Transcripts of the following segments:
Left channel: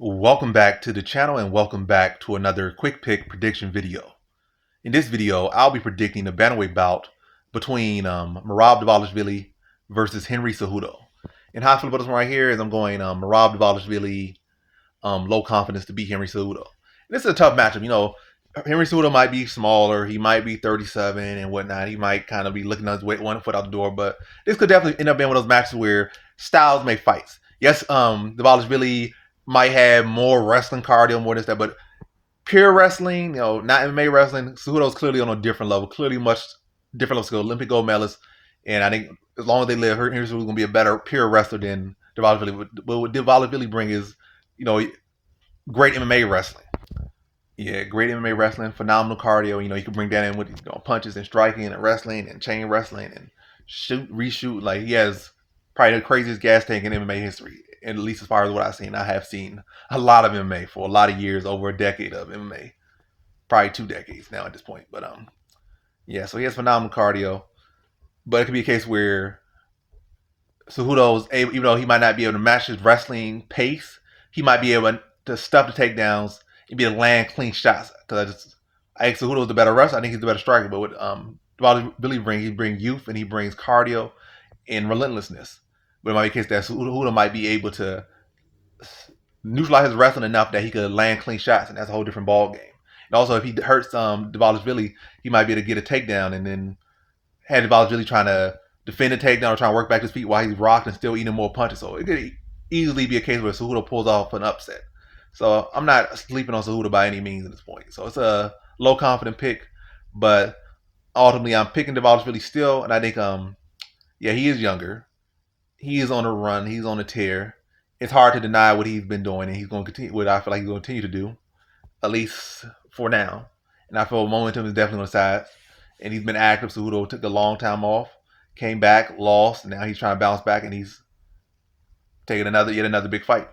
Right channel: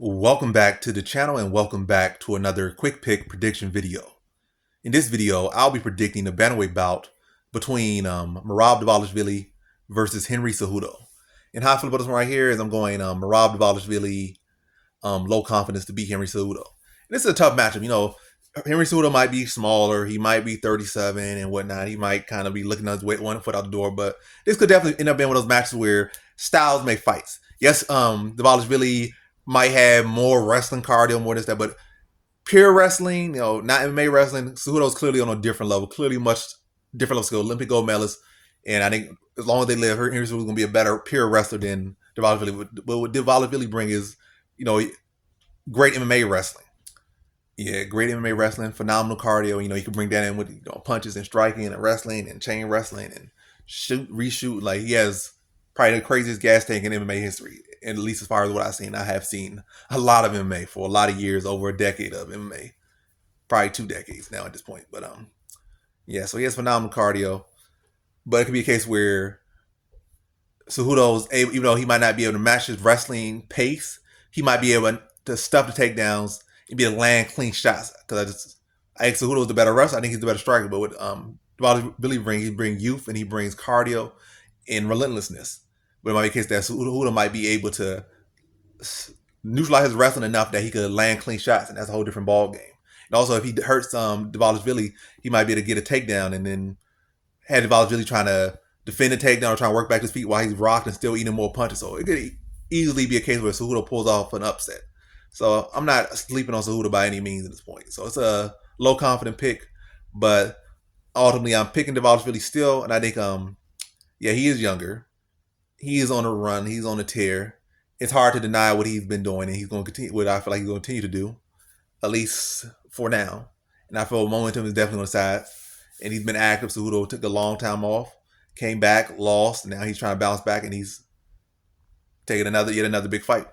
Welcome back to the channel and welcome back to another quick pick prediction video. In this video, I'll be predicting the bantamweight bout between Merab Dvalishvili versus Henry Cejudo. And how I feel about this one right here is I'm going Merab Dvalishvili low confidence to beat Henry Cejudo. And this is a tough matchup. You know, Henry Cejudo might be smaller. He might be 37 and whatnot. He might kind of be looking on his weight, one foot out the door. But this could definitely end up being one of those matches where styles make fights. Yes, Dvalishvili might have more wrestling cardio, more this, that, but pure wrestling, you know, not MMA wrestling, Cejudo's clearly on a different level, clearly much different level skill, Olympic gold medalist. And I think as long as they live, Henry Cejudo's going to be a better pure wrestler than Dvalishvili. But what Dvalishvili bring is, you know, great MMA wrestling. Yeah, great MMA wrestling, phenomenal cardio. You know, he can bring that in with punches and striking and wrestling and chain wrestling and shoot, reshoot. Like, he has probably the craziest gas tank in MMA history. At least as far as what I've seen. I have seen a lot of MMA for a lot of years, over a decade of MMA. Probably 2 decades now at this point. But yeah, so he has phenomenal cardio. But it could be a case where Cejudo's able, even though he might not be able to match his wrestling pace, he might be able to stuff the takedowns and be able to land clean shots. Because I think Cejudo's the better wrestler. I think he's the better striker. But what Dvalishvili he brings youth and he brings cardio and relentlessness. But it might be a case that Cejudo might be able to neutralize his wrestling enough that he could land clean shots, and that's a whole different ball game. And also, if he hurts Dvalishvili, he might be able to get a takedown and then have Dvalishvili trying to defend the takedown or trying to work back his feet while he's rocked and still eating more punches. So it could easily be a case where Cejudo pulls off an upset. So I'm not sleeping on Cejudo by any means at this point. So it's a low confident pick, but ultimately I'm picking Dvalishvili still, and I think yeah, he is younger. He is on a run. He's on a tear. It's hard to deny what he's been doing, and he's going to continue. What I feel like he's going to continue to do, at least for now. And I feel momentum is definitely on the side. And he's been active. Cejudo took a long time off, came back, lost. And now he's trying to bounce back, and he's taking yet another big fight.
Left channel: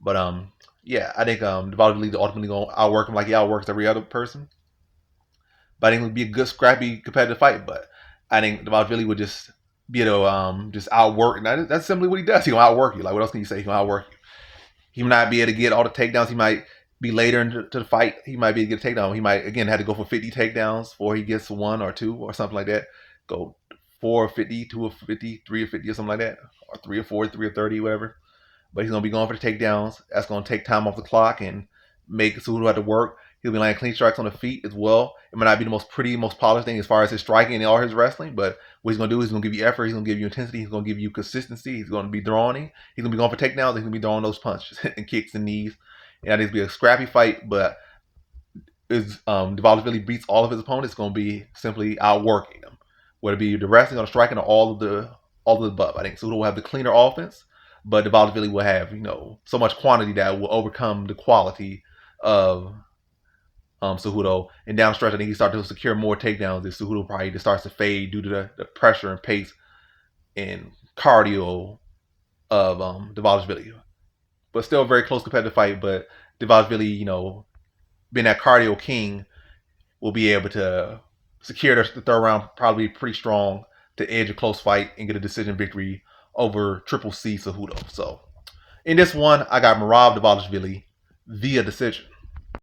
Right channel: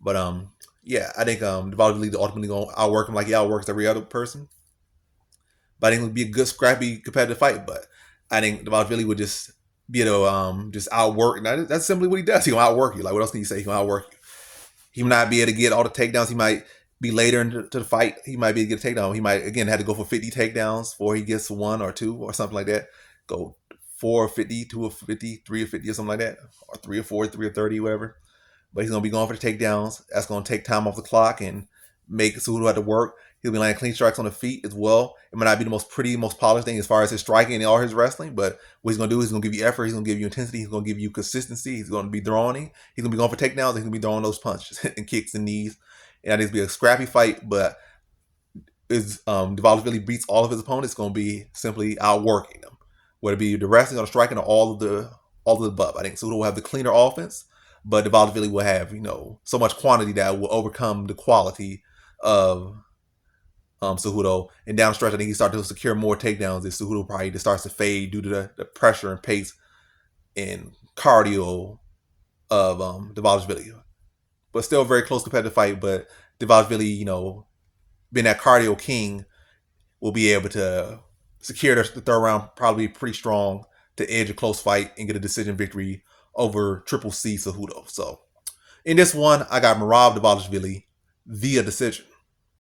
But yeah, I think Dvalishvili ultimately going to outwork him like he outworks every other person. But I think it would be a good, scrappy, competitive fight. But I think Dvalishvili would just be able to just outwork. And that's simply what he does. He'll outwork you. Like, what else can you say? He'll outwork you. He might not be able to get all the takedowns. He might be later into the fight. He might be able to get a takedown. He might, again, have to go for 50 takedowns before he gets 1 or 2 or something like that. Go 4 or 50, 2 or 50, 3 or 50 or something like that. Or 3 or 4, 3 or 30, whatever. But he's going to be going for the takedowns. That's going to take time off the clock and make Cejudo have to work. He'll be landing clean strikes on the feet as well. It might not be the most pretty, most polished thing as far as his striking and all his wrestling, but what he's going to do is he's going to give you effort, he's going to give you intensity, he's going to give you consistency, he's going to be throwing, he's going to be going for takedowns, he's going to be throwing those punches and kicks and knees. And I think it's going to be a scrappy fight, but is Dvalishvili beats all of his opponents, it's going to be simply outworking them. Whether it be the wrestling or the striking or all of the above. I think Cejudo will have the cleaner offense, but Dvalishvili will have, you know, so much quantity that will overcome the quality of Cejudo. And down the stretch, I think he started to secure more takedowns as Cejudo probably just starts to fade due to the pressure and pace and cardio of Dvalishvili. But still a very close competitive fight. But Dvalishvili, you know, being that cardio king, will be able to secure the third round probably pretty strong to edge a close fight and get a decision victory over Triple C Cejudo. So in this one, I got Merab Dvalishvili via decision.